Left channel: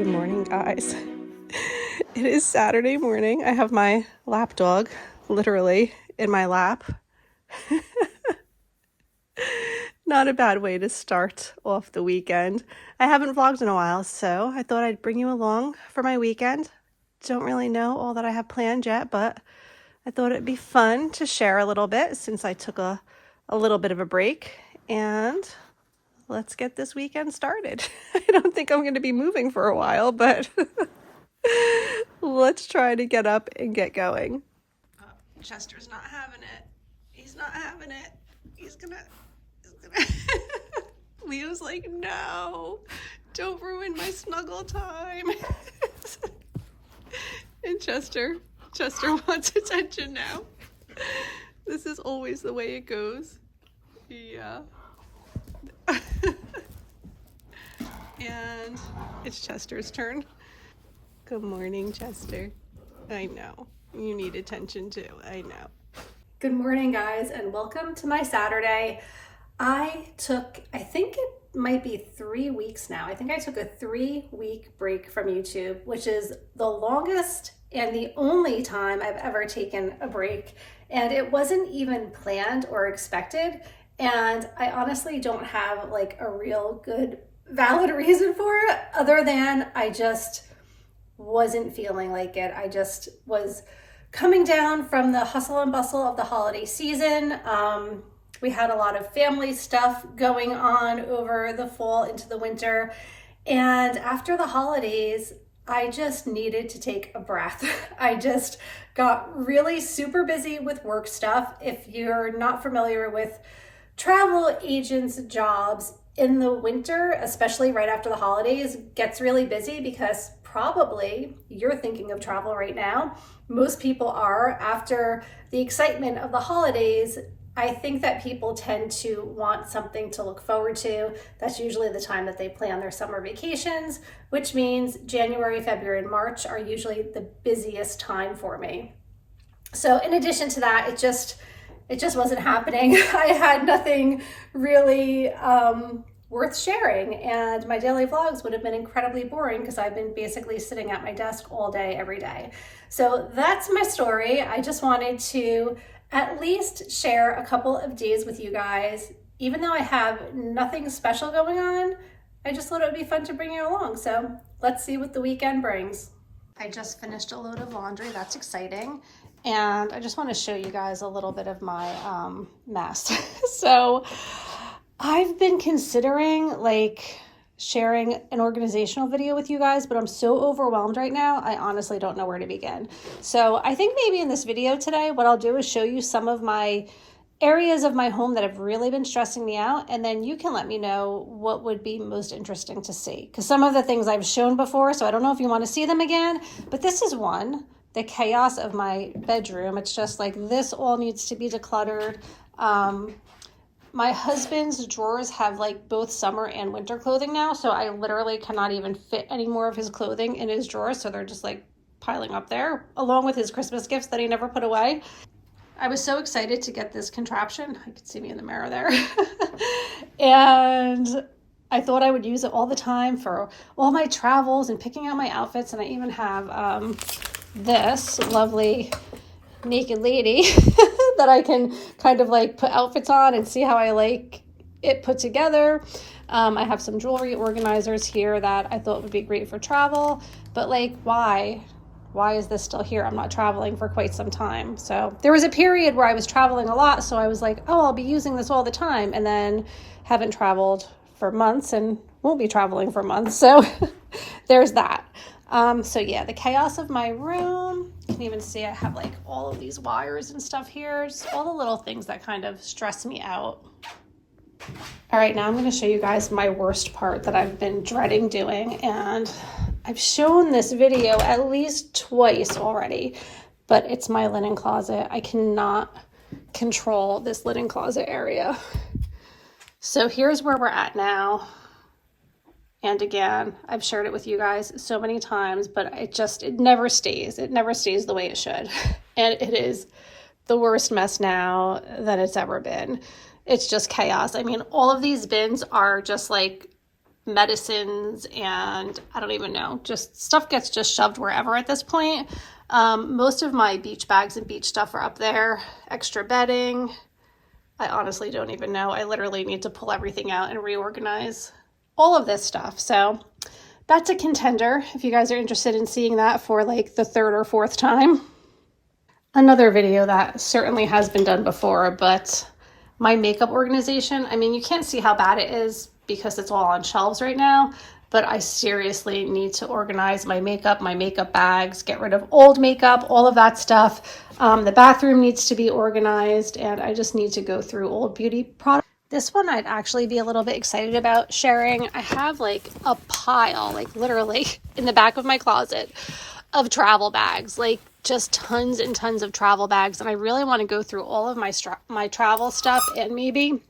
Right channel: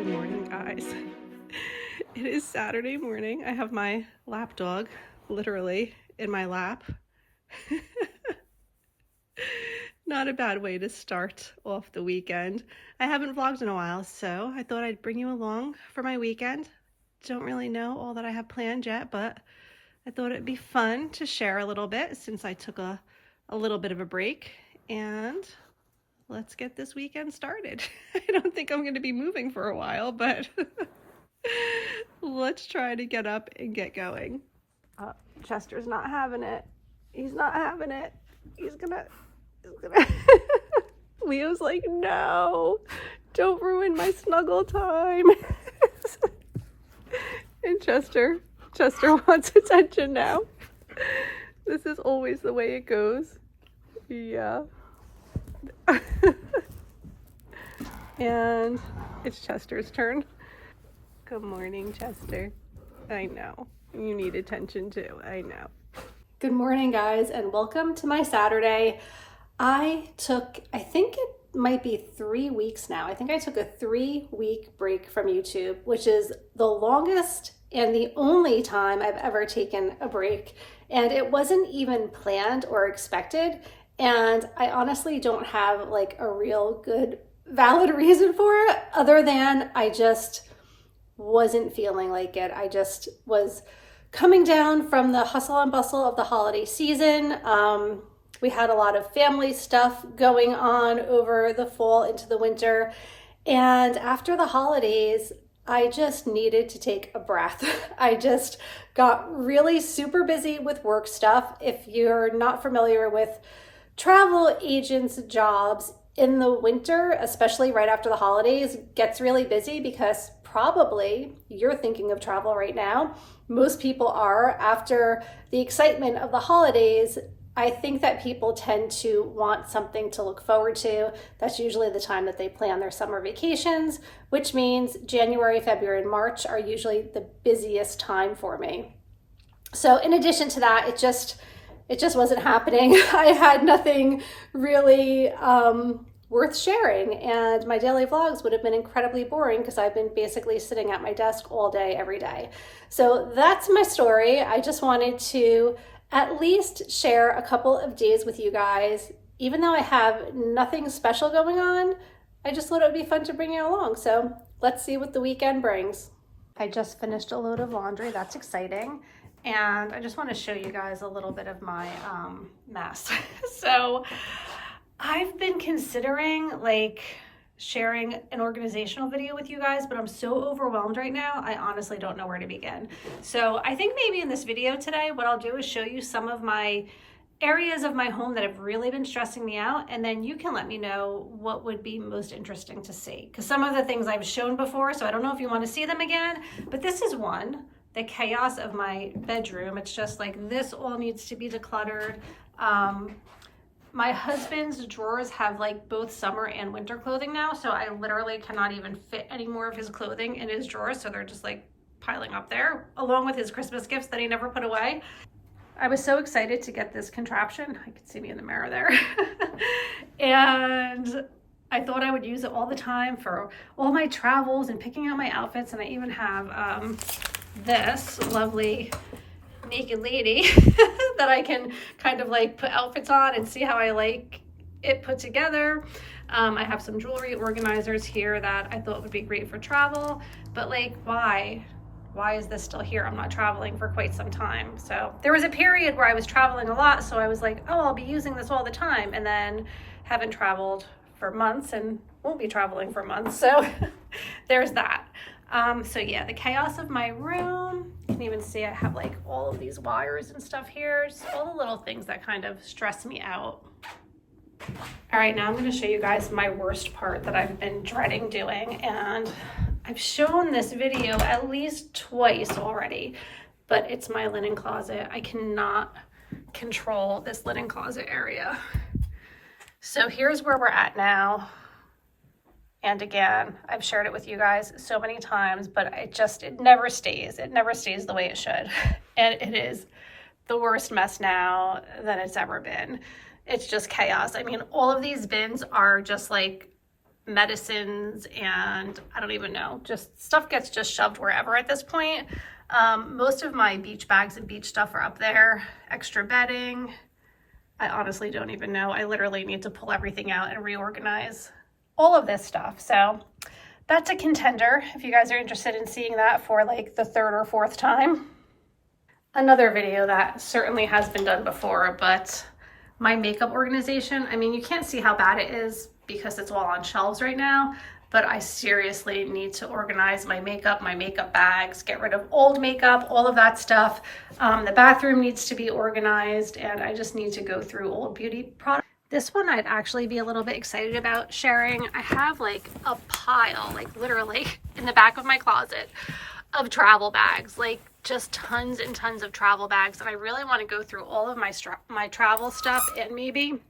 Good morning, guys. It is Saturday morning. I have my lap dog literally in my lap. Not a bad way to start off the weekend. I haven't vlogged in a while, so I thought I'd bring you along for my weekend. Don't really know all that I have planned yet, but I thought it'd be fun to share a little bit since I took a little bit of a break, and let's get this weekend started. I don't think I'm going to be moving for a while, but let's try to get up and get going. Chester's not having it. He's not having it. He's gonna Leo's like, no, don't ruin my snuggle time. And Chester wants attention now. This is always the way it goes. Yeah. And it's Chester's turn. Good morning, Chester. I know. You need attention too. I know. Good morning, guys, and welcome to my Saturday. I think it might be 3 weeks now. I think I took a 3-week break from YouTube, which is the longest and the only time I've ever taken a break. And it wasn't even planned or expected. And I honestly don't have like a real good valid reason for it other than I just wasn't feeling like it. I just was coming down from the hustle and bustle of the holiday season. We had a lot of family stuff going on over the fall into the winter. And after the holidays, I just needed to take a breath. I just got really super busy with work stuff. If you're not familiar with travel agents' jobs in the winter, especially right after the holidays, gets really busy because probably you're thinking of travel right now. Most people are. After the excitement of the holidays, I think that people tend to want something to look forward to. That's usually the time that they plan their summer vacations, which means January, February, and March are usually the busiest time for me. So in addition to that, it just wasn't happening. I had nothing really worth sharing, and my daily vlogs would have been incredibly boring because I've been basically sitting at my desk all day, every day. So that's my story. I just wanted to at least share a couple of days with you guys. Even though I have nothing special going on, I just thought it would be fun to bring you along. So let's see what the weekend brings. I just finished a load of laundry. That's exciting. And I just want to show you guys a little bit of my mess. So I've been considering like sharing an organizational video with you guys, but I'm so overwhelmed right now, I honestly don't know where to begin. So I think maybe in this video today, what I'll do is show you some of my areas of my home that have really been stressing me out, and then you can let me know what would be most interesting to see. Because some of the things I've shown before, so I don't know if you want to see them again, but this is one. The chaos of my bedroom. It's just like this all needs to be decluttered. My husband's drawers have like both summer and winter clothing now, so I literally cannot even fit any more of his clothing in his drawers, so they're just like piling up there, along with his Christmas gifts that he never put away. I was so excited to get this contraption. I could see me in the mirror there. And I thought I would use it all the time for all my travels and picking out my outfits, and I even have this lovely naked lady that I can kind of like put outfits on and see how I like it put together. I have some jewelry organizers here that I thought would be great for travel, but like why is this still here? I'm not traveling for quite some time. So there was a period where I was traveling a lot, so I was like, oh, I'll be using this all the time, and then haven't traveled for months and won't be traveling for months. So there's that. So yeah, the chaos of my room. You can even see I have like all of these wires and stuff here. Just all the little things that kind of stress me out. All right, now I'm going to show you guys my worst part that I've been dreading doing. And I've shown this video at least twice already, but it's my linen closet. I cannot control this linen closet area. So here's where we're at now. And again, I've shared it with you guys so many times, but it never stays. It never stays the way it should. And it is the worst mess now that it's ever been. It's just chaos. I mean, all of these bins are just like medicines, and I don't even know, just stuff gets just shoved wherever at this point. Most of my beach bags and beach stuff are up there. Extra bedding. I honestly don't even know. I literally need to pull everything out and reorganize all of this stuff. So that's a contender if you guys are interested in seeing that for like the third or fourth time. Another video that certainly has been done before, but my makeup organization, I mean, you can't see how bad it is because it's all on shelves right now, but I seriously need to organize my makeup bags, get rid of old makeup, all of that stuff. The bathroom needs to be organized, and I just need to go through old beauty products. This one I'd actually be a little bit excited about sharing. I have like a pile, like literally in the back of my closet of travel bags, like just tons and tons of travel bags. And I really want to go through all of my travel stuff and maybe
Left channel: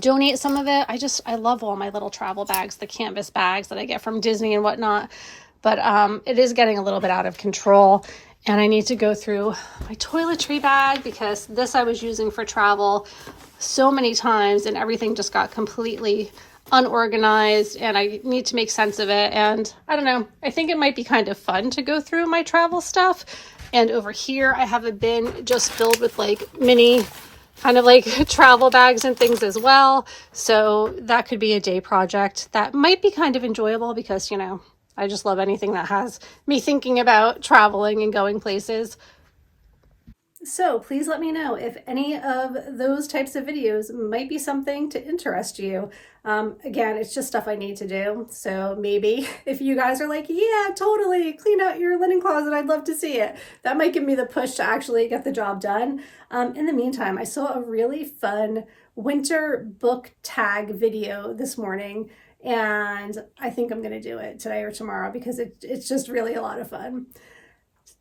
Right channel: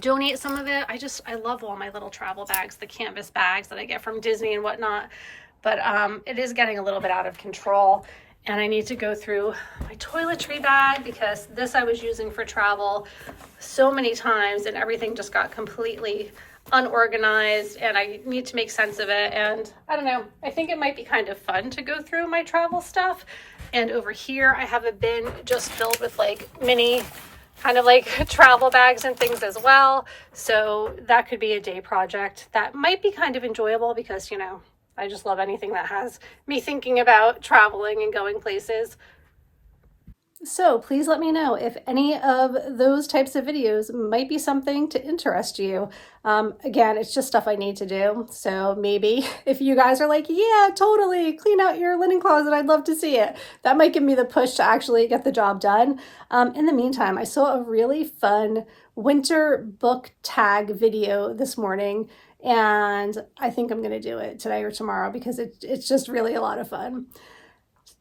donate some of it. I love all my little travel bags, the canvas bags that I get from Disney and whatnot, but it is getting a little bit out of control, and I need to go through my toiletry bag because this I was using for travel so many times and everything just got completely unorganized, and I need to make sense of it. And I don't know, I think it might be kind of fun to go through my travel stuff. And over here I have a bin just filled with like mini kind of like travel bags and things as well. So that could be a day project that might be kind of enjoyable because, you know, I just love anything that has me thinking about traveling and going places. So please let me know if any of those types of videos might be something to interest you. Again, it's just stuff I need to do. So maybe if you guys are like, yeah, totally, clean out your linen closet, I'd love to see it. That might give me the push to actually get the job done. In the meantime, I saw a really fun winter book tag video this morning, and I think I'm going to do it today or tomorrow because it's just really a lot of fun.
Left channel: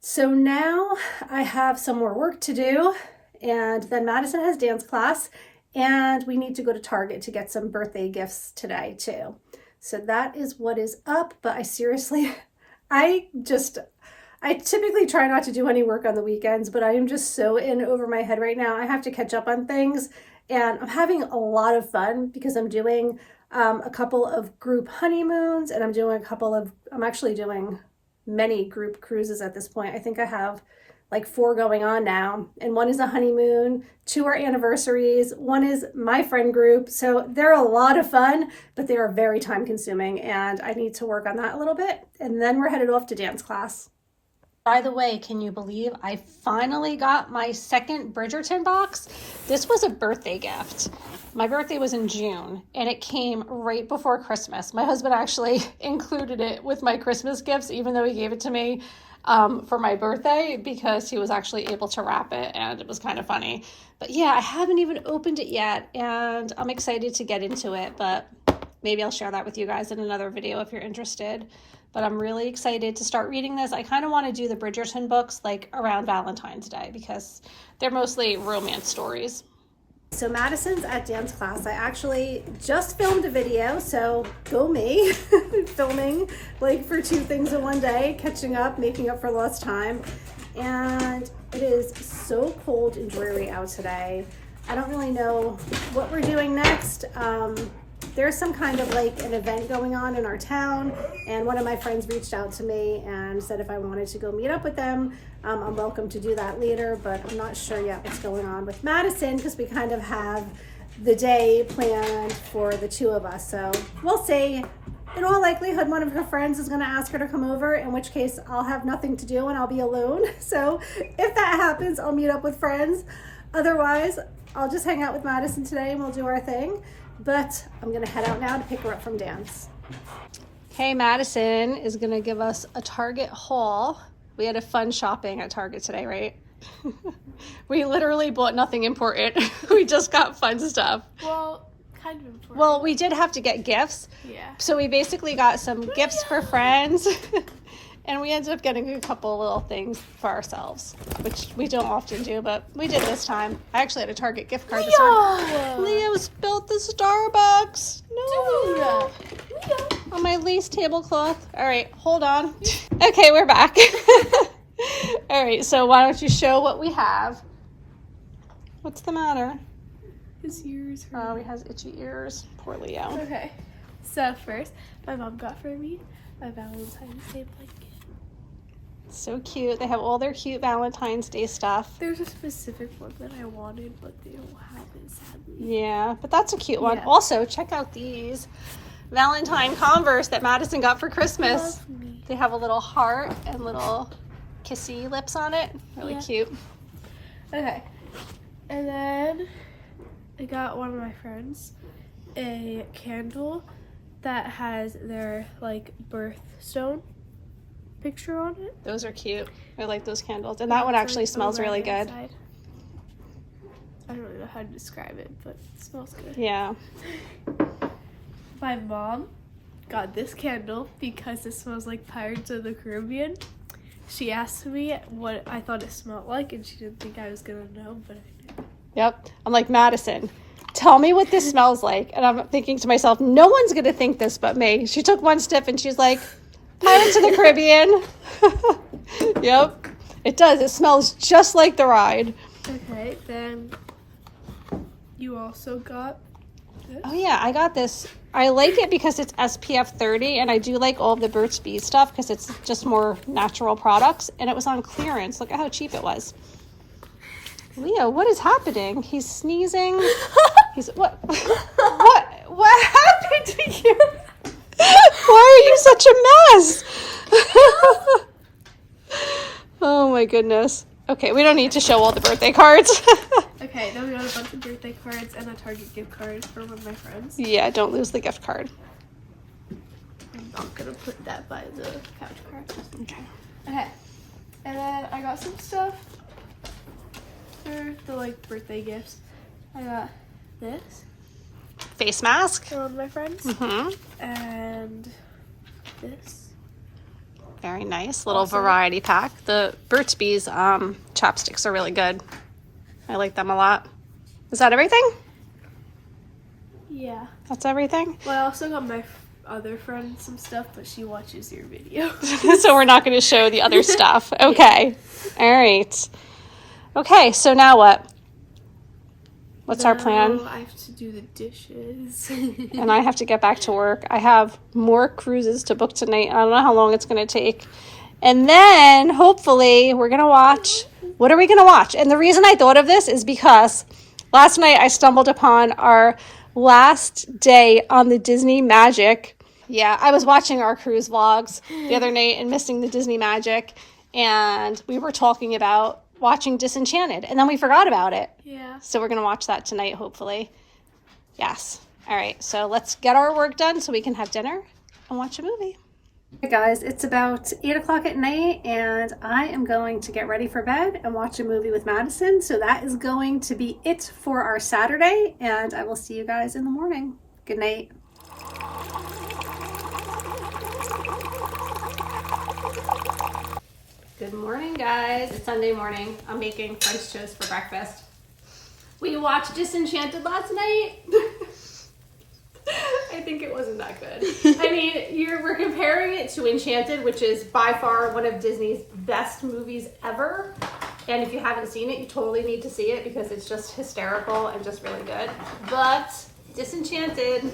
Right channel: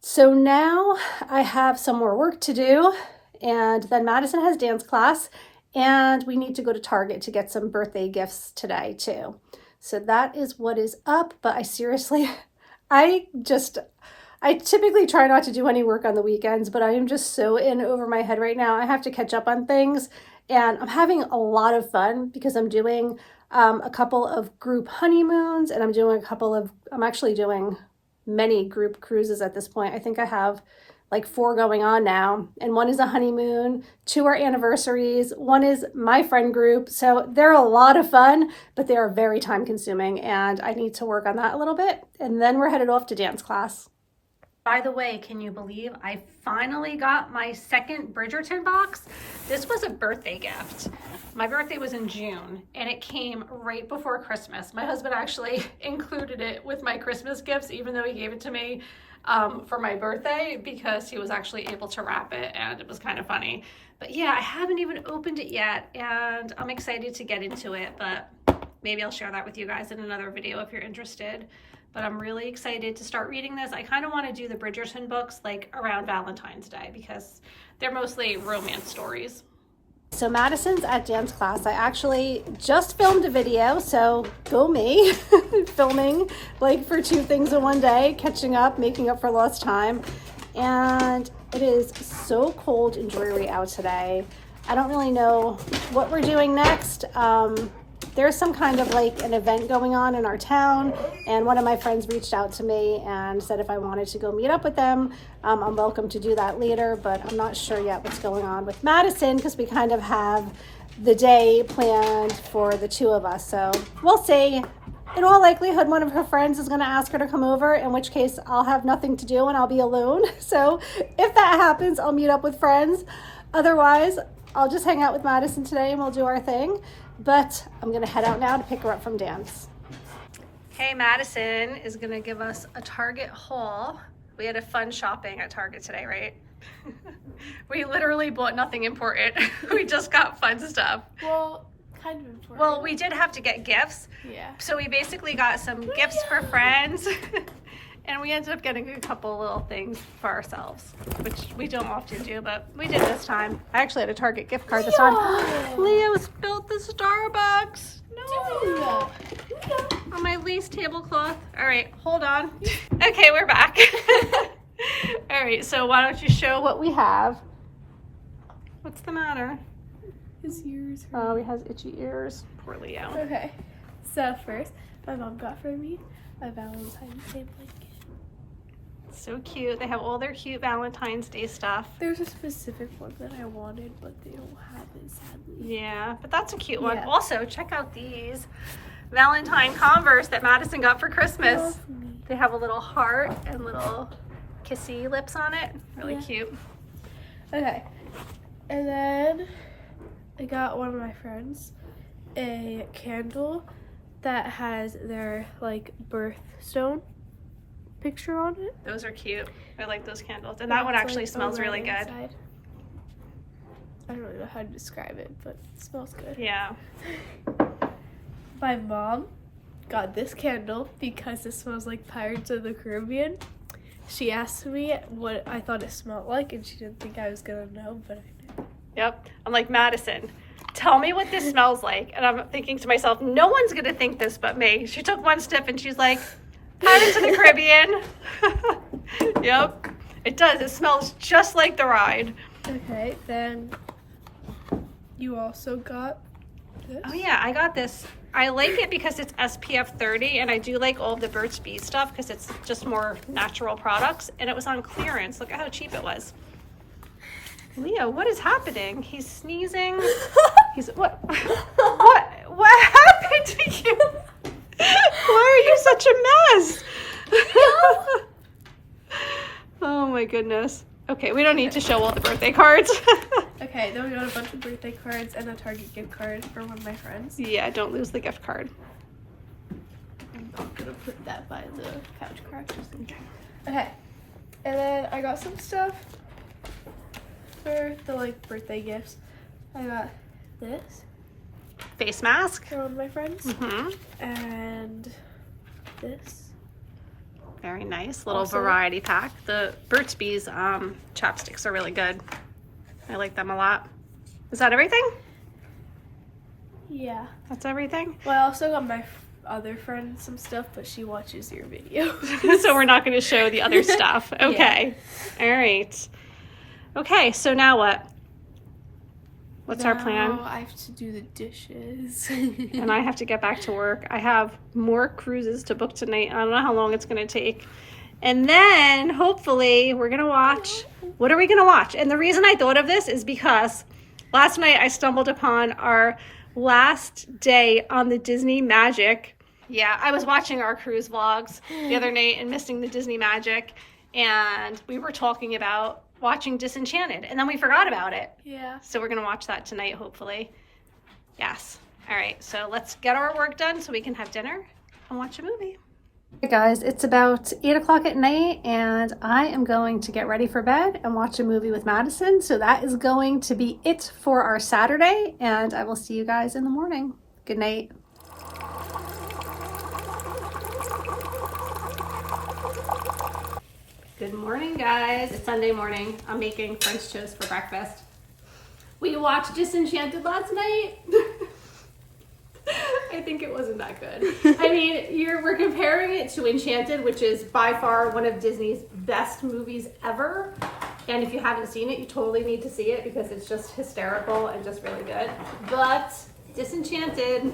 So now I have some more work to do, and then Madison has dance class, and we need to go to Target to get some birthday gifts today too. So that is what is up, but I typically try not to do any work on the weekends, but I am just so in over my head right now. I have to catch up on things, and I'm having a lot of fun because I'm doing a couple of group honeymoons, and I'm actually doing many group cruises at this point. I think I have like 4 going on now, and 1 is a honeymoon, 2 are anniversaries, 1 is my friend group. So they're a lot of fun, but they are very time consuming, and I need to work on that a little bit. And then we're headed off to dance class. By the way, can you believe I finally got my second Bridgerton box? This was a birthday gift. My birthday was in June, and it came right before Christmas. My husband actually included it with my Christmas gifts, even though he gave it to me for my birthday, because he was actually able to wrap it, and it was kind of funny. But yeah, I haven't even opened it yet, and I'm excited to get into it, but maybe I'll share that with you guys in another video if you're interested. But I'm really excited to start reading this. I kind of want to do the Bridgerton books like around Valentine's Day because they're mostly romance stories. So Madison's at dance class. I actually just filmed a video, so go me, filming like for 2 things in one day, catching up, making up for lost time. And it is so cold and dreary out today. I don't really know what we're doing next. There's some kind of like an event going on in our town, and one of my friends reached out to me and said if I wanted to go meet up with them, I'm welcome to do that later, but I'm not sure yet what's going on with Madison because we kind of have the day planned for the 2 of us. So we'll see. In all likelihood, one of her friends is going to ask her to come over, in which case I'll have nothing to do and I'll be alone. So if that happens, I'll meet up with friends. Otherwise, I'll just hang out with Madison today and we'll do our thing. But I'm going to head out now to pick her up from dance. Hey, Madison is going to give us a Target haul. We had a fun shopping at Target today, right? We literally bought nothing important. We just got fun stuff. Well, kind of important. Well, we did have to get gifts. Yeah. So we basically got some gifts for friends. And we ended up getting a couple little things for ourselves, which we don't often do, but we did this time. I actually had a Target gift card this time. Leo spilled the Starbucks. No. On my lace tablecloth. All right, hold on. Okay, we're back. All right, so why don't you show what we have? What's the matter? His ears hurt. Oh, he has itchy ears. Poor Leo. Okay. So first, my mom got for me a Valentine's Day blanket. So cute. They have all their cute Valentine's Day stuff. There's a specific one that I wanted, but they don't have it, sadly. Yeah, but that's a cute one. Yeah. Also, check out these Valentine Converse that Madison got for Christmas. Love me. They have a little heart and little kissy lips on it. Really cute. Okay. And then I got one of my friends a candle that has their like birthstone picture on it. Those are cute. I like those candles. And that one actually smells really good. Inside. I don't really know how to describe it, but it smells good. Yeah. My mom got this candle because it smells like Pirates of the Caribbean. She asked me what I thought it smelled like, and she didn't think I was gonna know, but I knew. Yep. I'm like, Madison, tell me what this smells like. And I'm thinking to myself, no one's gonna think this but me. She took one sniff and she's like, Pirates of the Caribbean. Yep. It does. It smells just like the ride. Okay, then you also got this. Oh yeah, I got this. I like it because it's SPF 30, and I do like all of the Burt's Bees stuff because it's just more natural products, and it was on clearance. Look at how cheap it was. Leo, what is happening? He's sneezing. He's what? What happened to you? Why are you such a mess? Oh my goodness. Okay, we don't need to show all the birthday cards. Okay, then we got a bunch of birthday cards and a Target gift card from one of my friends. Yeah, don't lose the gift card. I'm gonna put that by the couch card. Okay, and then I got some stuff for the like birthday gifts. I got this Face mask. from one of my friends, and this. Very nice little Also- variety pack. The Burt's Bees chapsticks are really good. I like them a lot. Is that everything? Yeah. That's everything? Well, I also got my other friend some stuff, but she watches your video. So we're not going to show the other stuff. Okay. All right. Okay, so now what? What's our plan? Now I have to do the dishes. And I have to get back to work. I have more cruises to book tonight. I don't know how long it's going to take. And then hopefully we're going to watch. What are we going to watch? And the reason I thought of this is because last night I stumbled upon our last day on the Disney Magic. Yeah, I was watching our cruise vlogs the other night and missing the Disney Magic. And we were talking about watching Disenchanted. And then we forgot about it. Yeah. So we're going to watch that tonight, hopefully. Yes. All right. So let's get our work done so we can have dinner and watch a movie. Hey guys, it's about 8 o'clock at night and I am going to get ready for bed and watch a movie with Madison. So that is going to be it for our Saturday, and I will see you guys in the morning. Good night. Good morning, guys. It's Sunday morning. I'm making French toast for breakfast. We watched Disenchanted last night. I think it wasn't that good. I mean, we're comparing it to Enchanted, which is by far one of Disney's best movies ever. And if you haven't seen it, you totally need to see it because it's just hysterical and just really good. But Disenchanted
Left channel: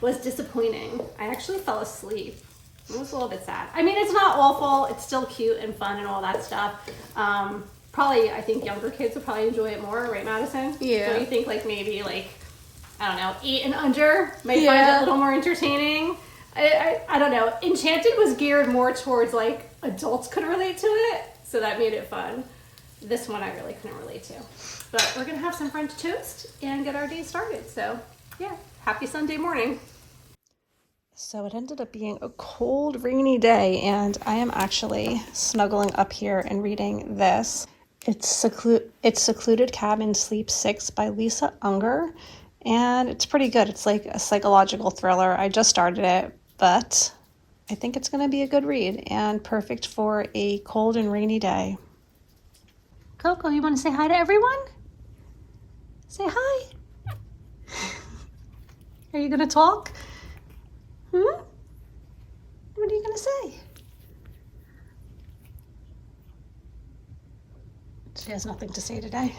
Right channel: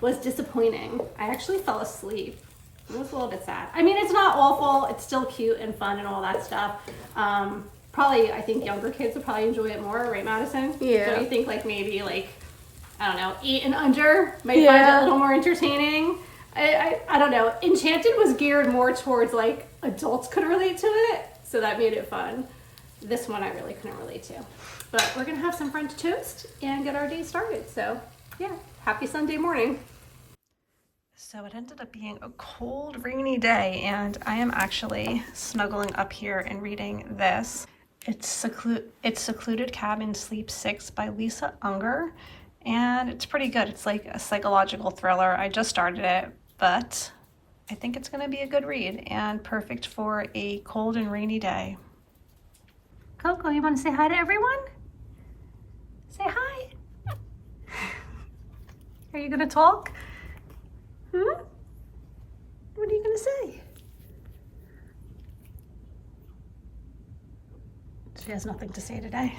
was disappointing. I actually fell asleep. It was a little bit sad. I mean, it's not awful. It's still cute and fun and all that stuff. Probably, I think younger kids would probably enjoy it more, right, Madison? Yeah. Don't you think, like, maybe, like, I don't know, 8 and under might find it a little more entertaining? I don't know. Enchanted was geared more towards, like, adults could relate to it, so that made it fun. This one I really couldn't relate to. But we're going to have some French toast and get our day started. So, yeah, happy Sunday morning. So it ended up being a cold, rainy day, and I am actually snuggling up here and reading this. It's Secluded Cabin Sleep 6 by Lisa Unger, and it's pretty good. It's like a psychological thriller. I just started it, but I think it's going to be a good read and perfect for a cold and rainy day. Coco, you want to say hi to everyone? Say hi. Are you going to talk? What are you going to say? She has nothing to say today.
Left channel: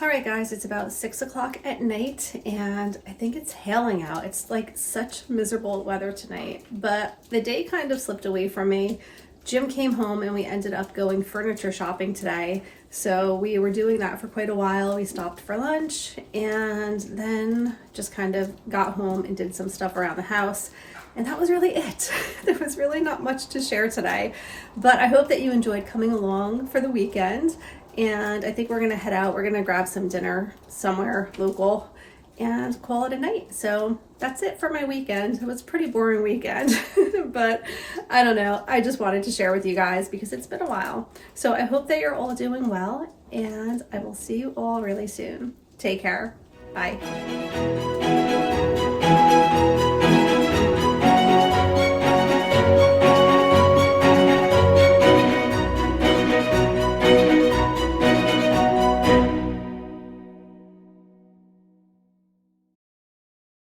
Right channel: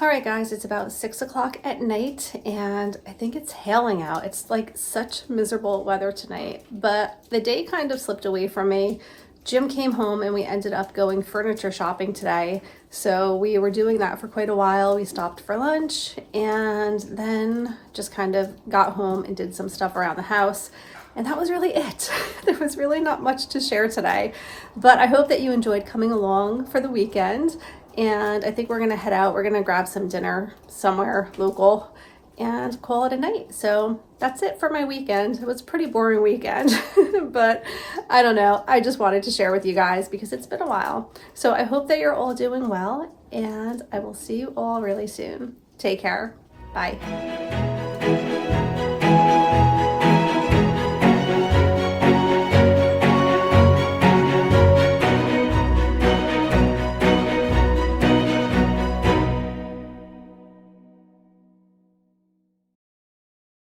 All right, guys, it's about 6 o'clock at night and I think it's hailing out. It's like such miserable weather tonight, but the day kind of slipped away from me. Jim came home and we ended up going furniture shopping today. So we were doing that for quite a while. We stopped for lunch and then just kind of got home and did some stuff around the house. And that was really it. There was really not much to share today, but I hope that you enjoyed coming along for the weekend. And I think we're gonna head out. We're gonna grab some dinner somewhere local and call it a night. So that's it for my weekend. It was a pretty boring weekend, but I don't know. I just wanted to share with you guys because it's been a while. So I hope that you're all doing well and I will see you all really soon. Take care. Bye.